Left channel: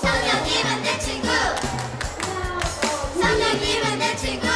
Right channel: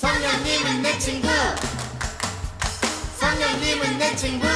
성령님은 내 친구. 성령님은 내 친구.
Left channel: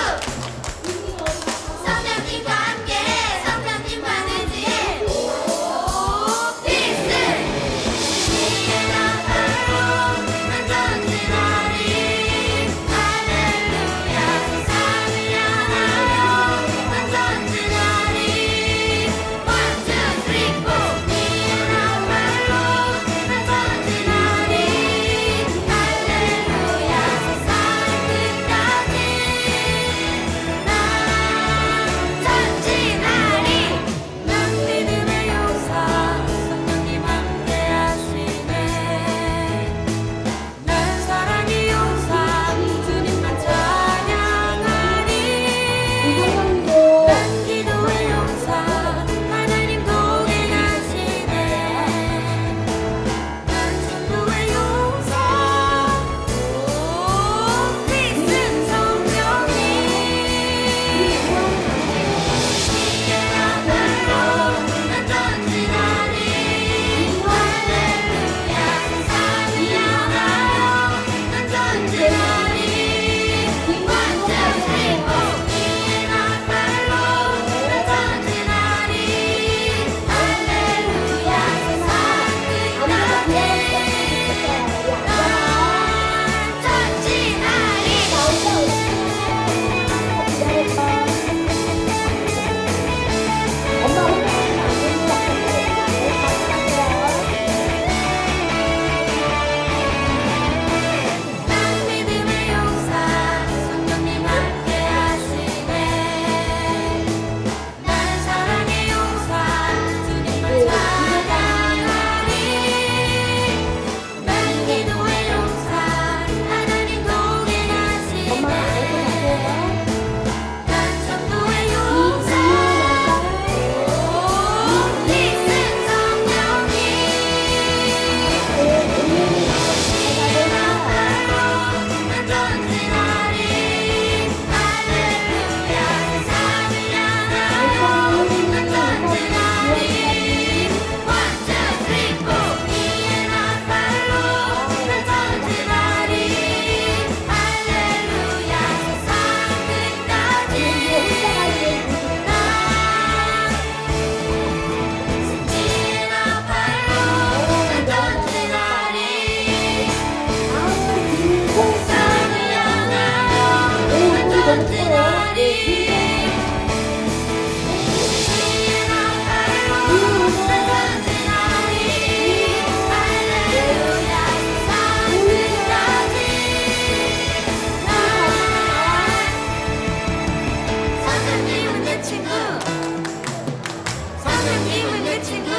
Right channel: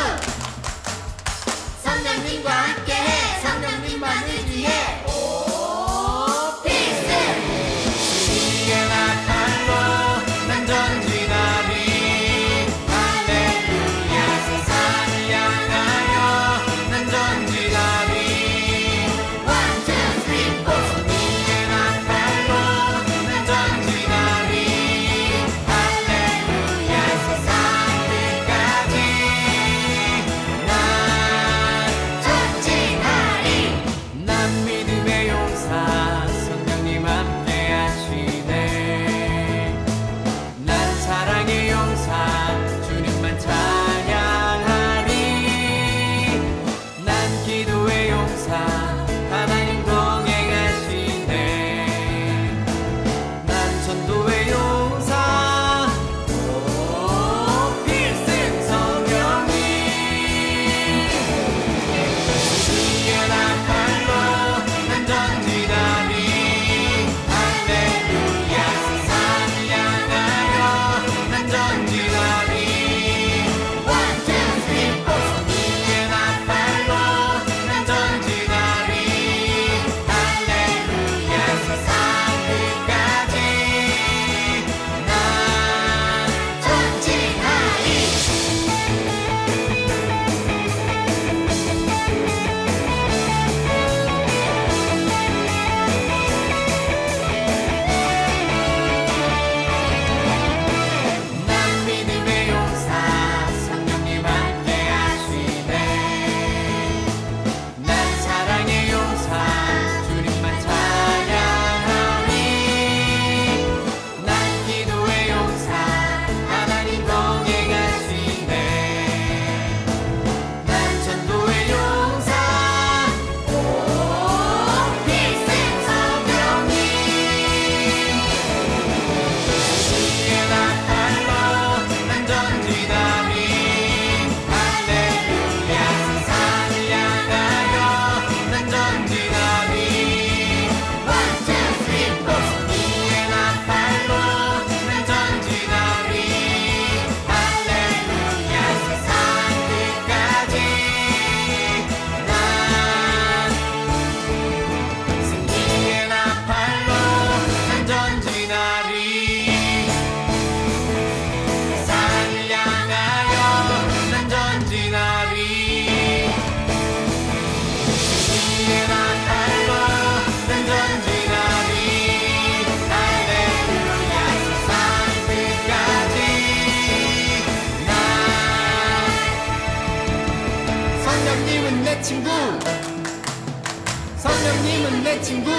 Let's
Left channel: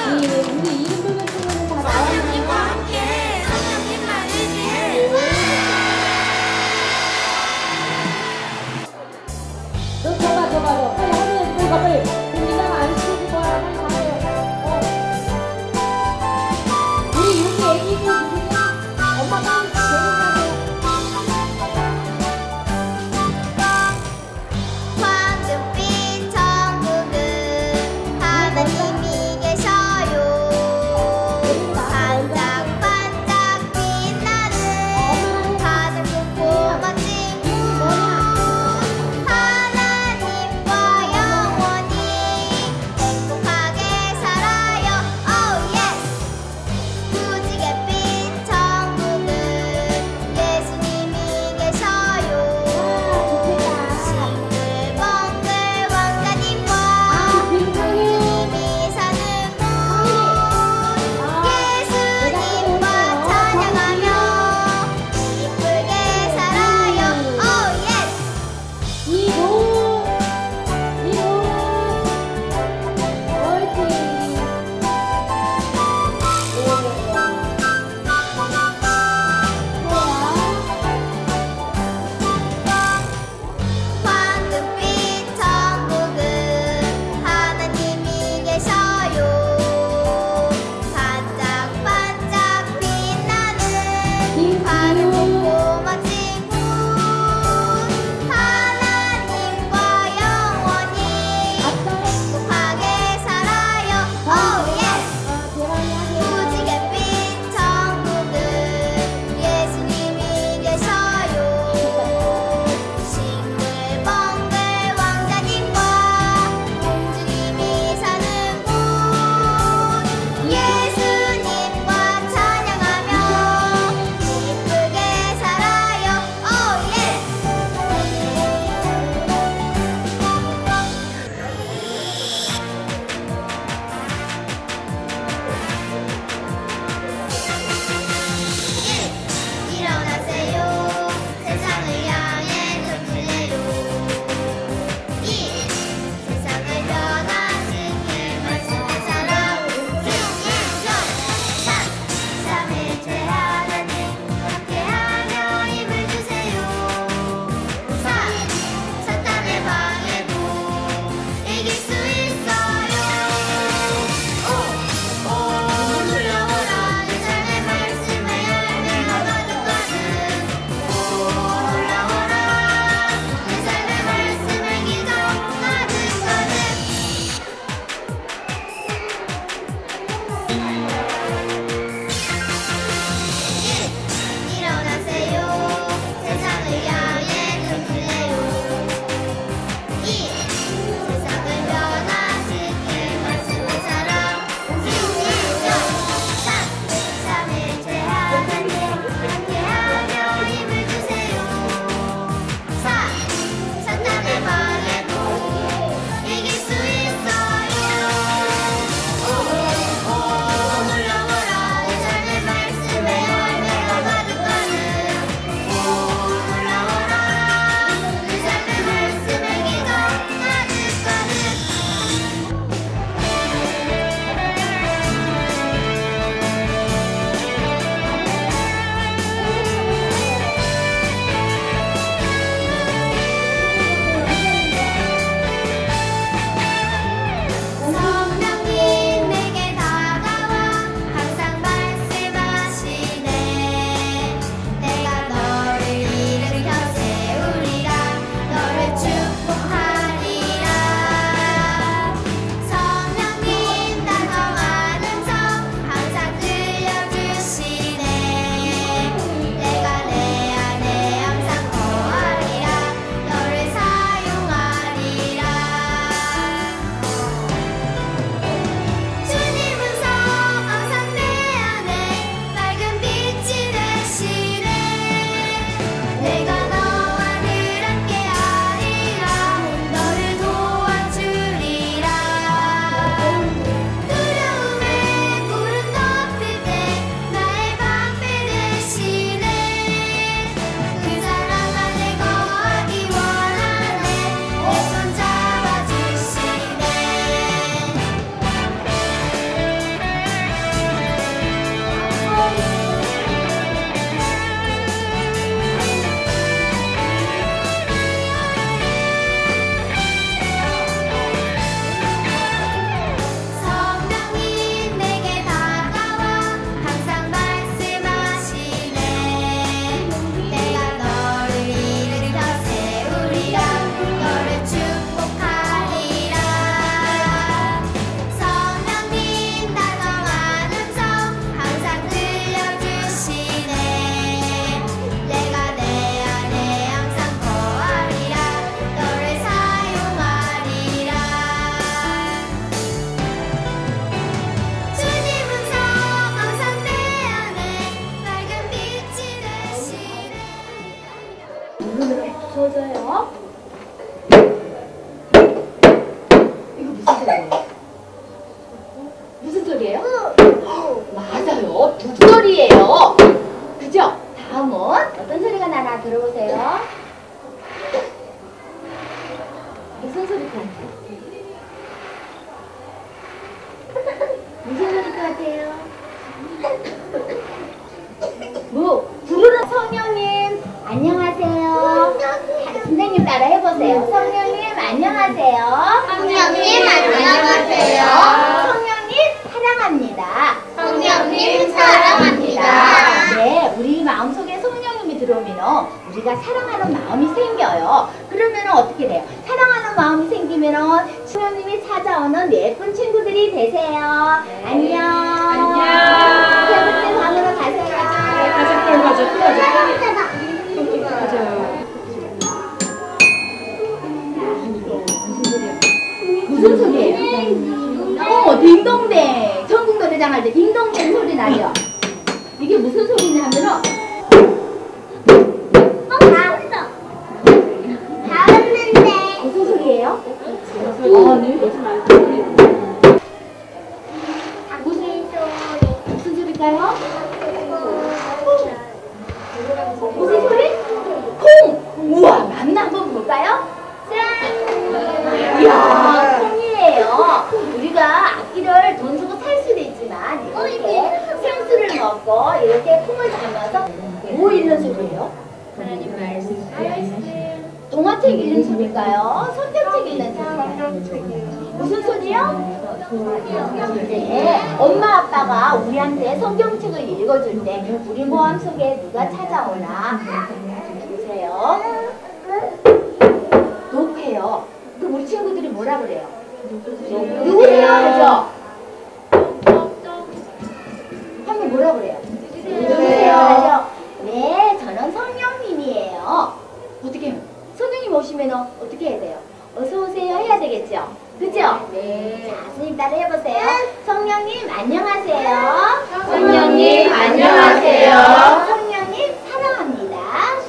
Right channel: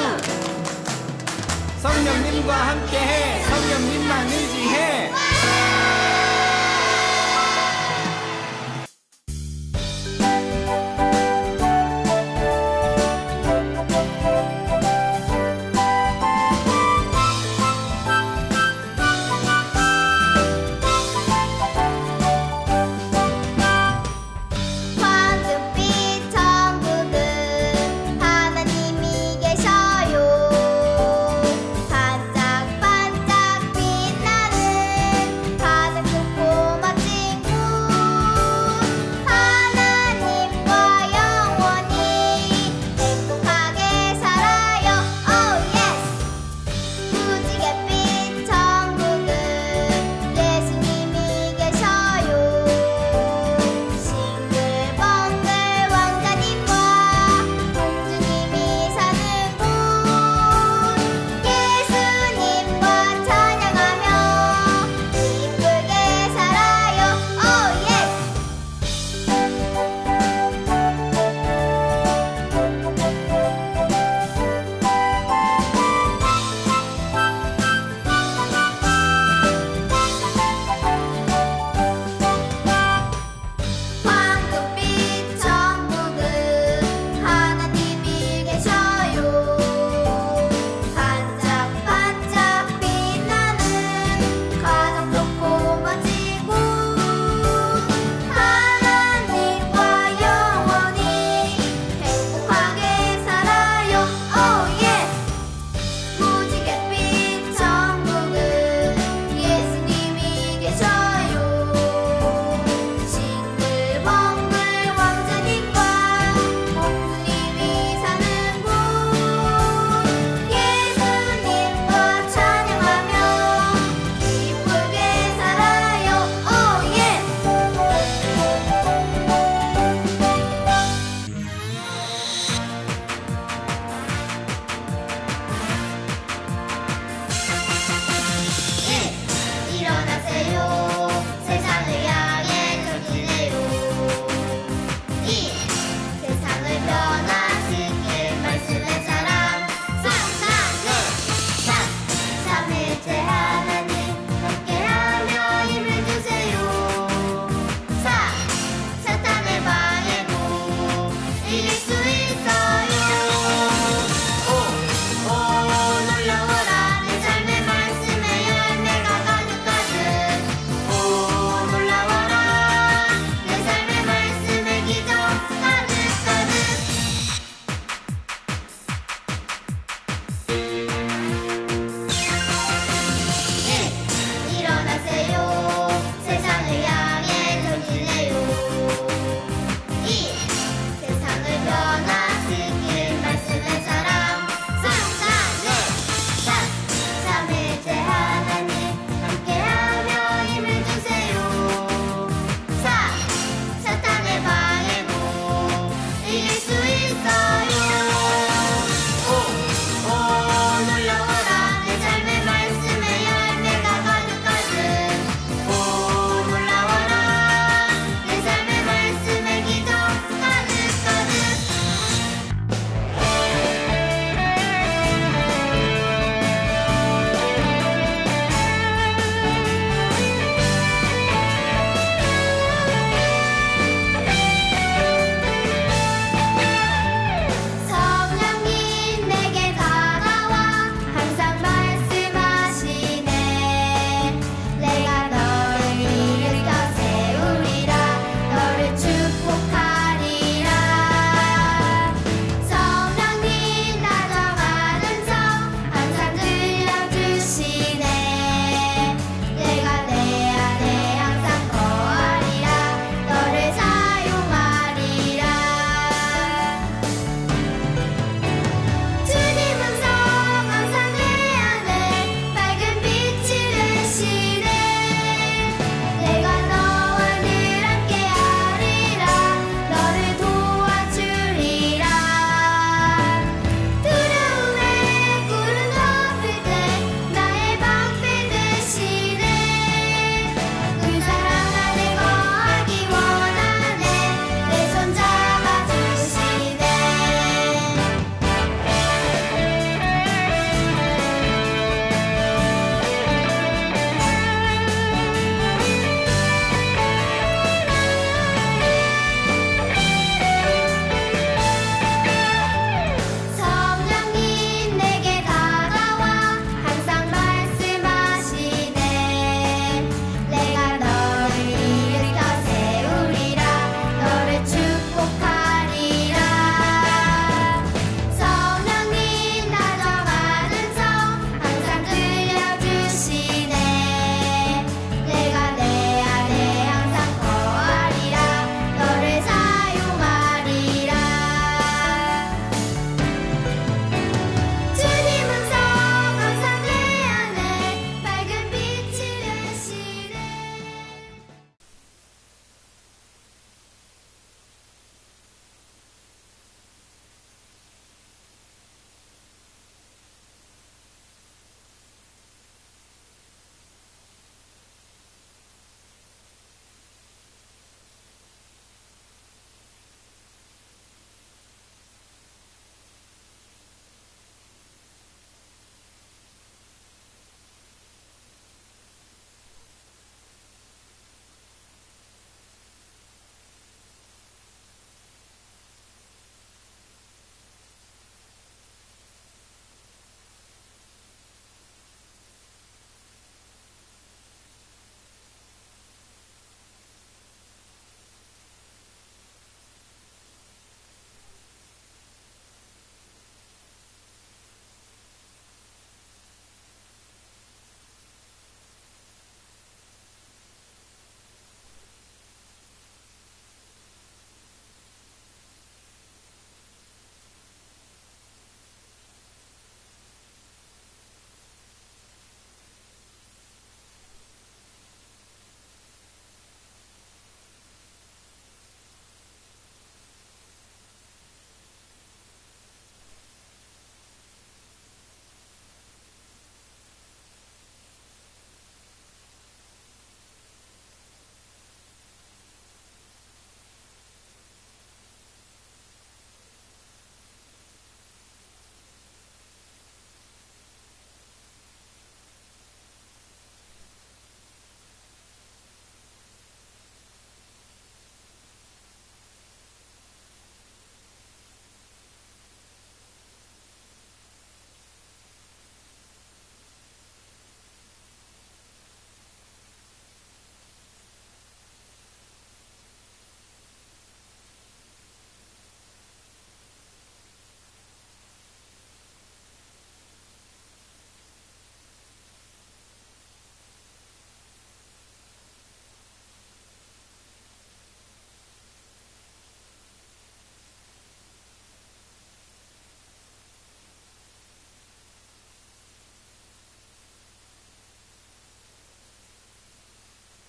안녕하세요. 성령님 안녕하세요. 성령님 사랑합니다. 성령님 사랑합니다. 네, 우리 마음속에 성령님이 들어오면 우리가 사랑하는 마음이 생겨요. 그러면 어떻게 돼요? 사랑하는 마음이 생기면 성령님이 찾아오는 예쁜 친구들이 되세요. 딩동댕 소리 나요. 이게 무슨 소리냐 하면은 어, 나왔어. 나왔는데. 무슨 소리예요? 어, 네. 무슨 소리? 무슨 소리일까요? 무슨 소리? 콩! 우와, 맞나 한번 볼까요? 짠! 이야, 콩이에요. 우리가 악기를 돈 주고 살 수도 있지만 이렇게 생수를 먹고 이렇게 콩을 담아서 뭐 읽는 소리예요? 동화책 읽는 소리일까요? 성경책 읽는 소리일까요? 무슨 소리요? 네, 엄마 아빠가 우리한테 성경책을 읽어줄 때 모함 속에 누가 찾아오나 보세요. 녹해요. 그럼 우리 친구들이 뭐라 그래요? 누구세요? 그죠? 한번 뭐라 그래요? 누구세요? 하죠? 네, 저는 성령님이에요. 어떻게? 성령님 오시면 어떻게 해야 돼요? 어서 오세요 해야 되겠죠? 그죠? 네. 자, 선생님 따라 해보세요. 성령님 안녕하세요. 성령님, 안녕하세요. 성령님 사랑합니다.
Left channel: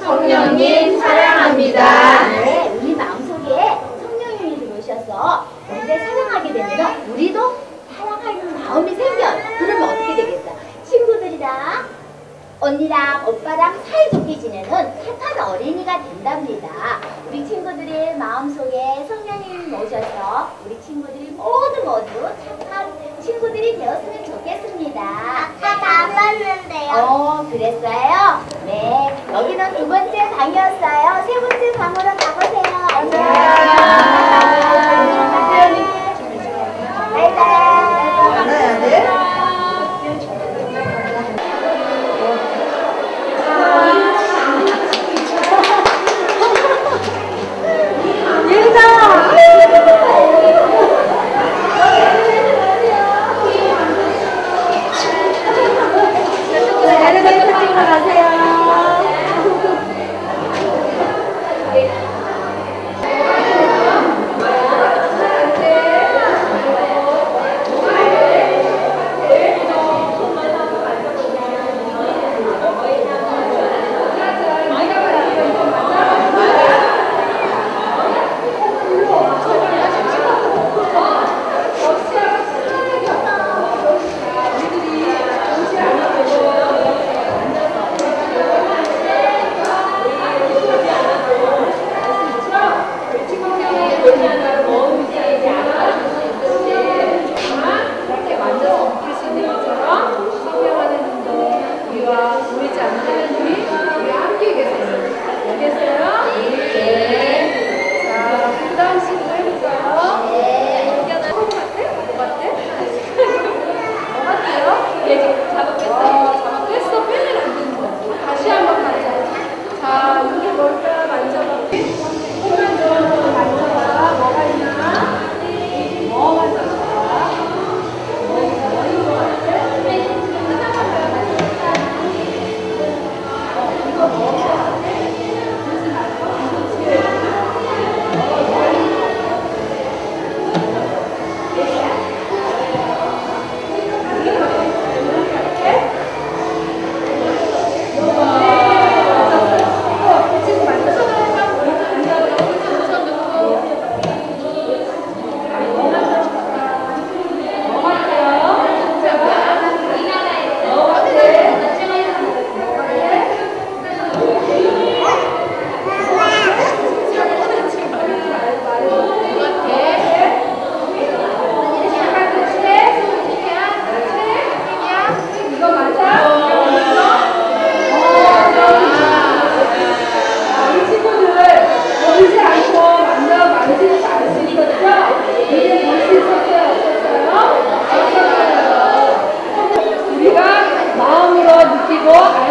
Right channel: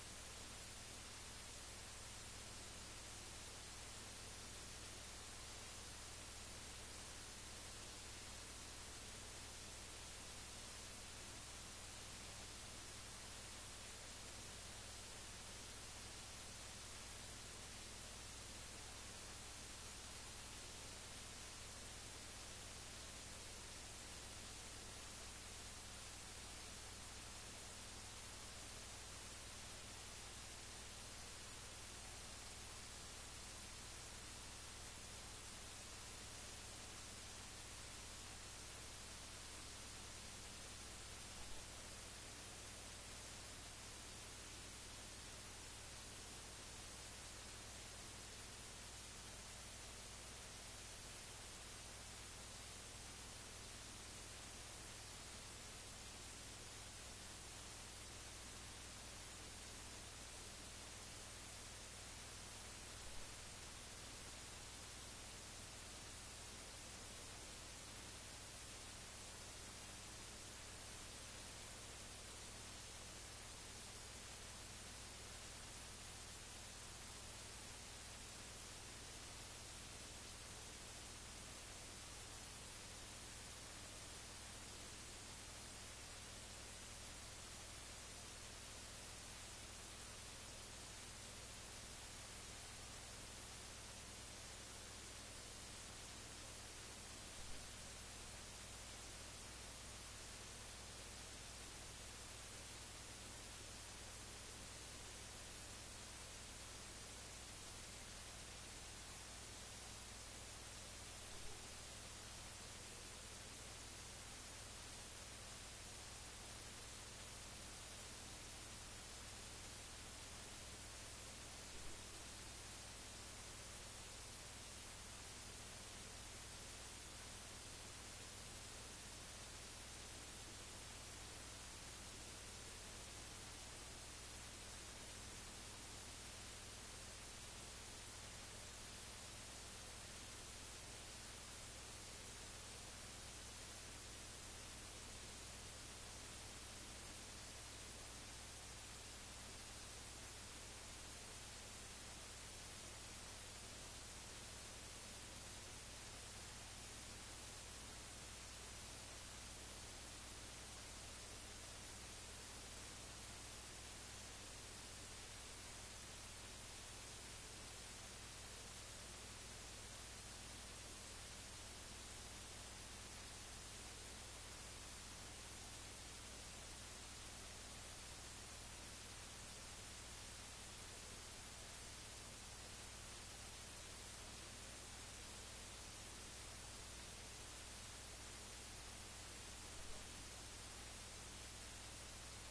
성령님, 사랑합니다. 네, 우리 마음속에 성령님이 들어오셔서 우리를 사랑하게 되면 우리도 사랑하는 마음이 생겨요. 그러면 어떻게 되겠어요? 친구들이랑 언니랑 오빠랑 사이좋게 지내는 착한 어린이가 된답니다. 우리 친구들의 마음속에 성령님이 오셔서 우리 친구들이 모두 모두 착한 친구들이 되었으면 좋겠습니다. 아까 다 봤는데요. 어, 그랬어요? 네. 여기는 두 번째 방이었어요. 세 번째 방으로 가보세요. 안녕. 바 계속 탑승을 하세요. 어?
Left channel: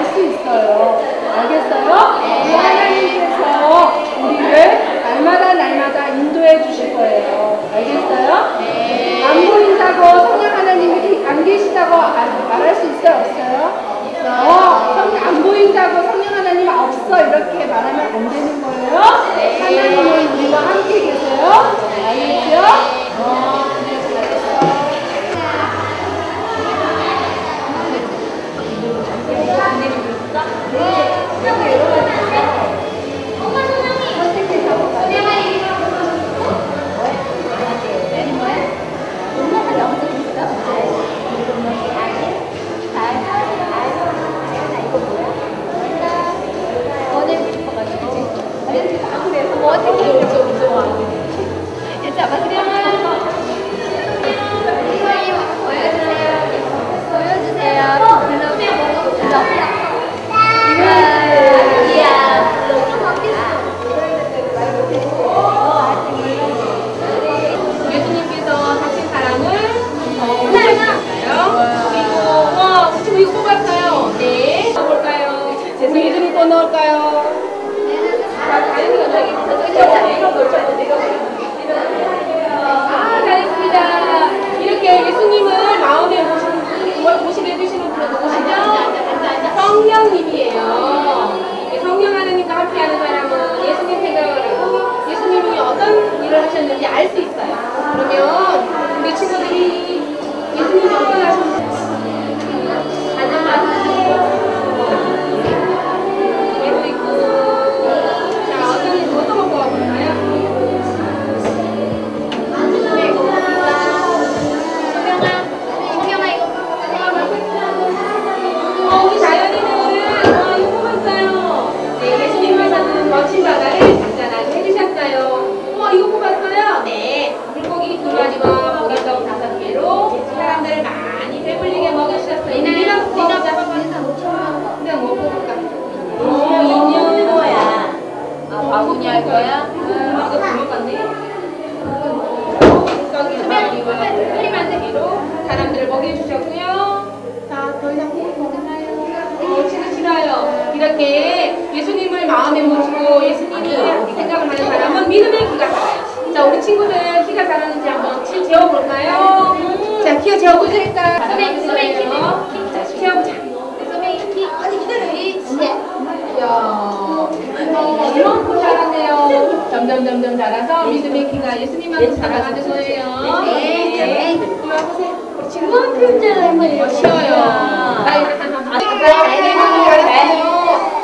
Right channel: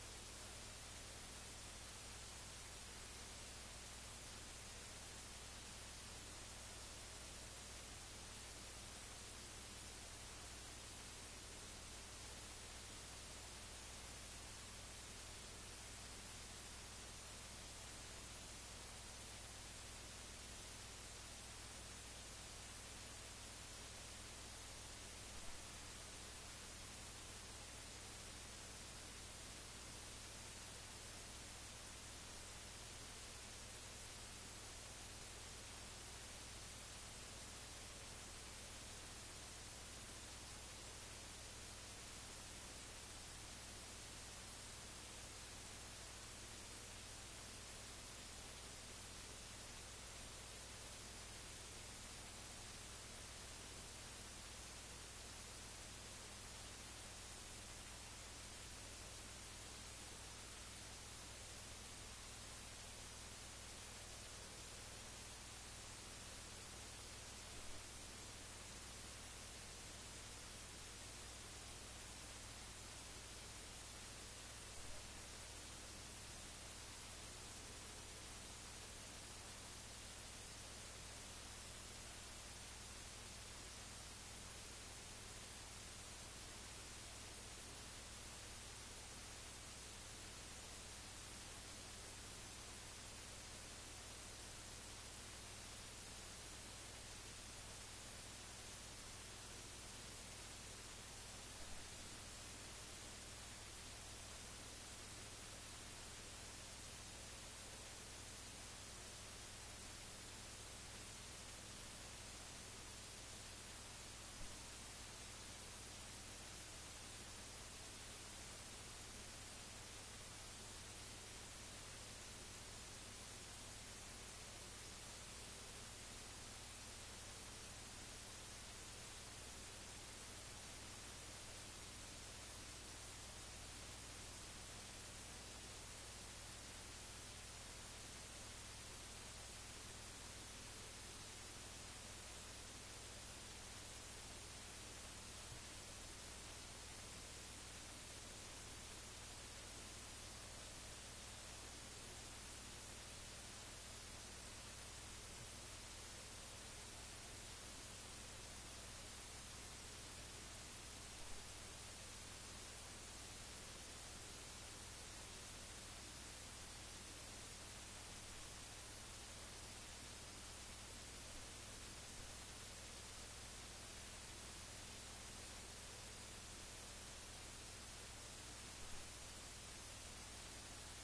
나가는 거예요. 네. 네. 한번 해보세요. 그만큼 잘하는 거예요. 쉬워요.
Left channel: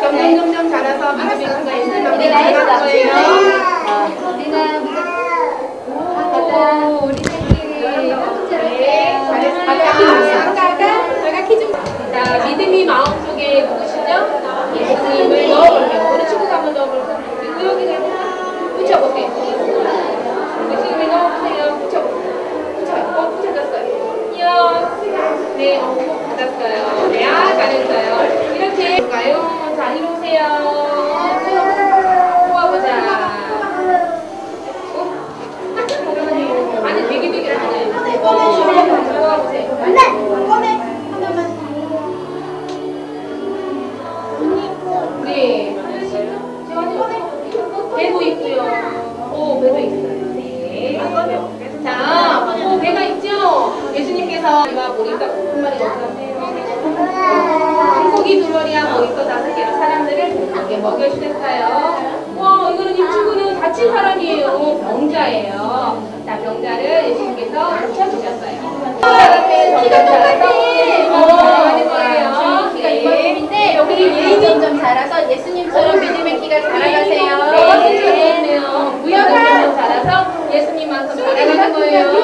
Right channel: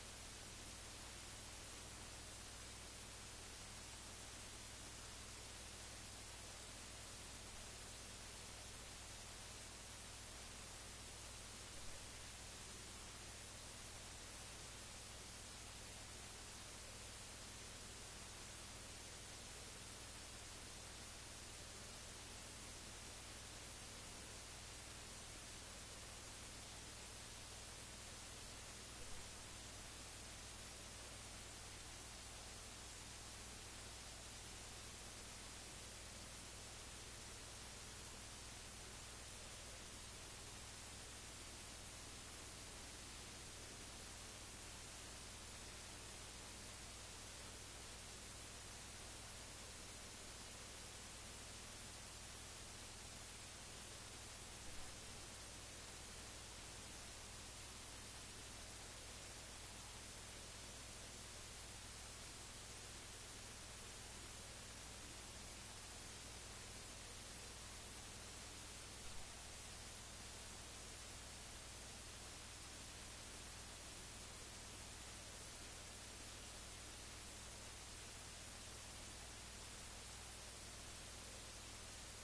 점점 점점 자라서 미국인과 인생 넘는 거예요. 네, 어, 꼭 받았어요. 네, 아, 잘했어요. Ya lo tengo.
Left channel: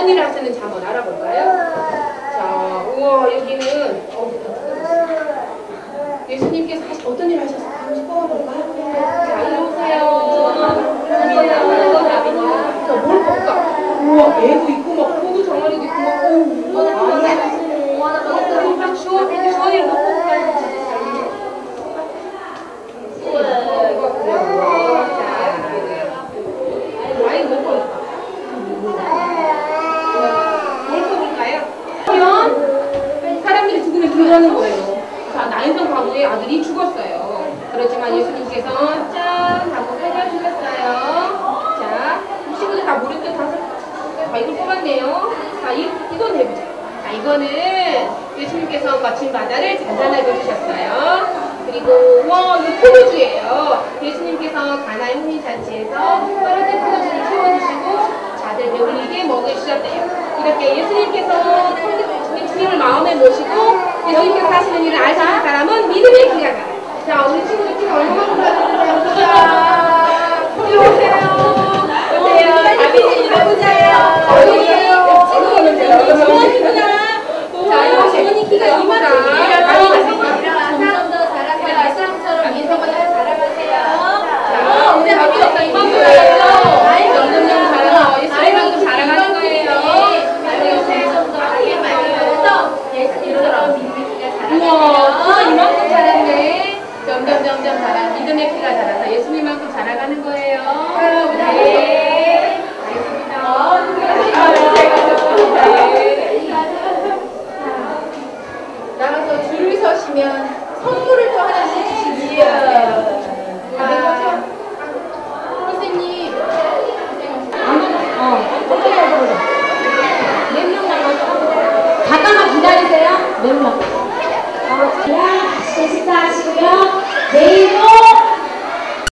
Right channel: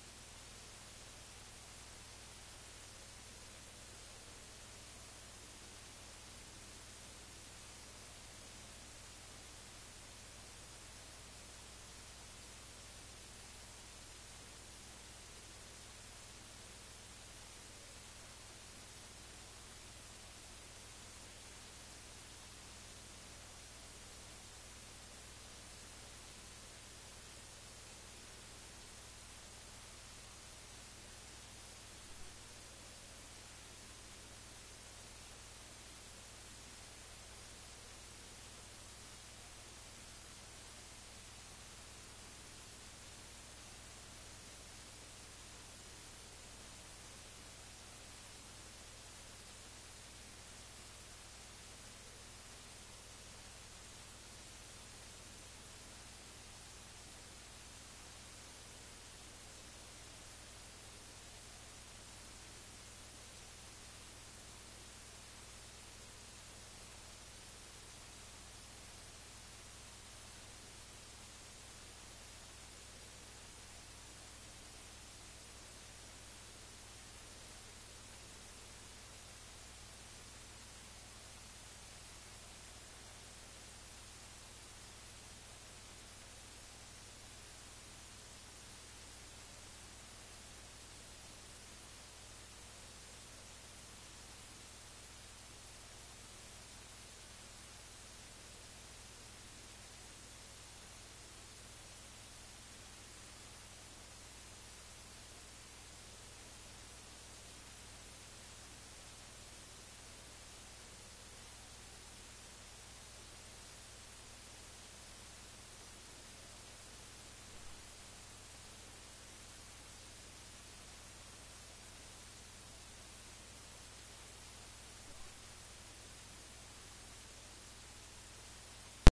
어머니를 하시는지 한번 알아볼까요? 자, 우와 여기는 어, 예수님께서 하시, 어떤 일을 하셨어요? 잠시 뽑아볼까요? 자, 일로 오세요. 음. 고민하고 나비냐. 뭘 볼까? 우와, 애도 있고. 이거는 예수님께서 거친 바다를 잔잔하게 주셨어요. 그리고 5월은 포도주예요. 예수님께서 가나의 혼인잔치에서 떨어진 포도주를 채워주시고 자들 배불리게 먹으셨대요. 이렇게 예수님께서 주님을 마음에 모시고 예수님께서 하시는 일을 알수 있는 사람은 믿음의 기약자 우리 친구들 키가 얼마나 올라가는지 한번 보세요. 들어오세요. kita gimana? Iya,